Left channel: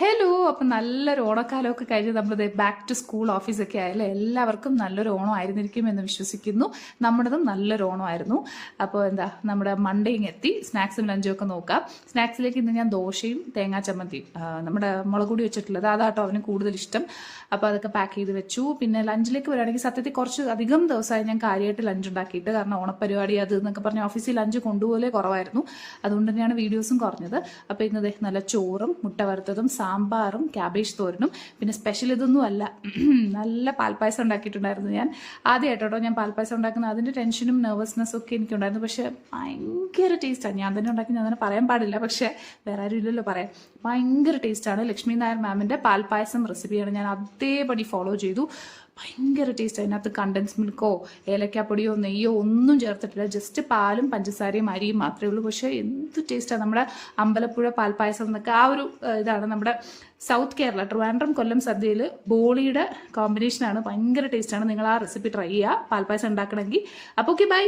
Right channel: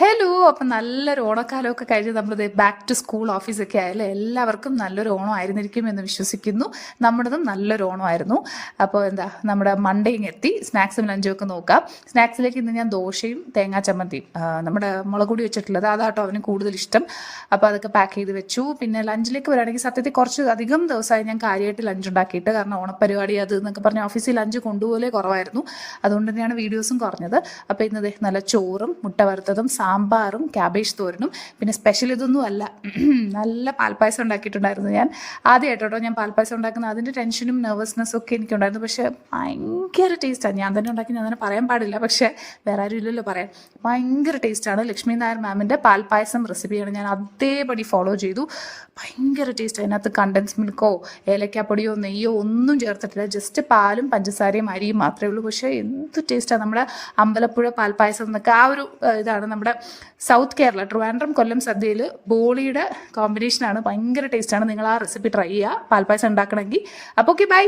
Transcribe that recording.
Hello. അപ്പം നല്ലൊരു ഓണക്കാലമൊക്കെ കഴിഞ്ഞ് നമ്മളിത് ബാക്ക് ടു സ്കൂൾ ഓഫീസൊക്കെ ആയാലും എല്ലാവർക്കും നല്ലൊരു ഓണം ആയിരുന്നിരിക്കും എന്ന് വിശ്വസിക്കുന്നു. നമ്മുടേതും നല്ലൊരു ഓണമായിരുന്നു. അപ്പോൾ നമ്മുടെ മണ്ടയും എത്തി. സ്നാക്സും ലഞ്ചും ഒക്കെ നോക്കാം. സ്നാക്സിലേക്ക് ഇന്ന് ഞാൻ ദോശയും തേങ്ങാ ചമ്മന്തിയും നമ്മുടെ മുളകുപൊടി വെച്ചിട്ടുള്ളത് അതാട്ടോ അവന് കൂടുതൽ ഇഷ്ടം. അപ്പോൾ അതൊക്കെ പാക്ക് ചെയ്ത് വെച്ചു. പിന്നെ ലഞ്ചിലേക്ക് വരികയാണെങ്കിൽ സത്യത്തിൽ കുറച്ച് അധികം ദിവസമായി ഞാൻ കാര്യമായിട്ട് ലഞ്ച് ഉണ്ടാക്കിയിട്ട്, കാരണം ഓണപ്പരിപാടി അത് എന്നൊക്കെ പറഞ്ഞ് ഓഫീസിൽ ലഞ്ച് കൊണ്ടുപോലെ കുറവായിരുന്നു. അതുകൊണ്ട് തന്നെയാണ് വീഡിയോസും കുറഞ്ഞത്. അപ്പോൾ ഇന്നത് നല്ല ചോറും മുട്ട വറുത്തതും സാമ്പാറും ക്യാബേജ് തോരനും, പിന്നെ സ്പെഷ്യൽ ഇതൊന്നും അല്ല, നല്ല പാൽപ്പായസം ഉണ്ടാക്കിയിട്ടുണ്ടായിരുന്നു. ഞാൻ ആദ്യമായിട്ടോ ഞാൻ പാൽപ്പായസം ഉണ്ടാക്കുന്നത്. അതിൻ്റെ ടെൻഷനും നെർവസ്നെസ്സും ഒക്കെ എനിക്കുണ്ടായിരുന്നു. പക്ഷേ ഭയങ്കര ടേസ്റ്റാണ്. ഞാൻ തന്നെ ഉണ്ടാക്കി ഞാൻ തന്നെ പറയാൻ പാടില്ല, പക്ഷേ വേറെ ആരും ഇല്ലല്ലോ പറയാൻ. ഭയങ്കര ടേസ്റ്റാണ്. ലക്ഷ്മി നായർ മാമിൻ്റെ പാൽപ്പായസം റെസിപ്പിയാണ് ഞാൻ അതേപടി ഫോളോ ചെയ്തു. ഭയങ്കര ടേസ്റ്റ്. അതിനകത്ത് കണ്ടൻസ് മിൽക്കോ ഏലക്കാപ്പൊടിയോ നെയ്യോ ഒന്നും ചേർത്തിട്ടില്ല. ജസ്റ്റ് പാലും പഞ്ചസാരയും അരിയും മാത്രമേ ഉള്ളൂ. പക്ഷേ എന്ത് ടേസ്റ്റാണ്. നമ്മുടെ അമ്പലപ്പുഴ പാൽപ്പായസം എന്നൊക്കെ ആ ഒരു ഇതാണ്. നമ്മുടെ സൗത്ത് കേരള ട്രിവാൻഡ്രം കൊല്ലം സദ്യയിൽ ബോളിയുടെ കോമ്പിനേഷനാണ്. ഭയങ്കര ടേസ്റ്റാണ്. നിങ്ങൾ ആ റെസിപ്പി ട്രൈ ചെയ്യുക പാൽപ്പായസം ഉണ്ടാക്കണമെങ്കിൽ. അപ്പോൾ ഓക്കെ, ബൈ.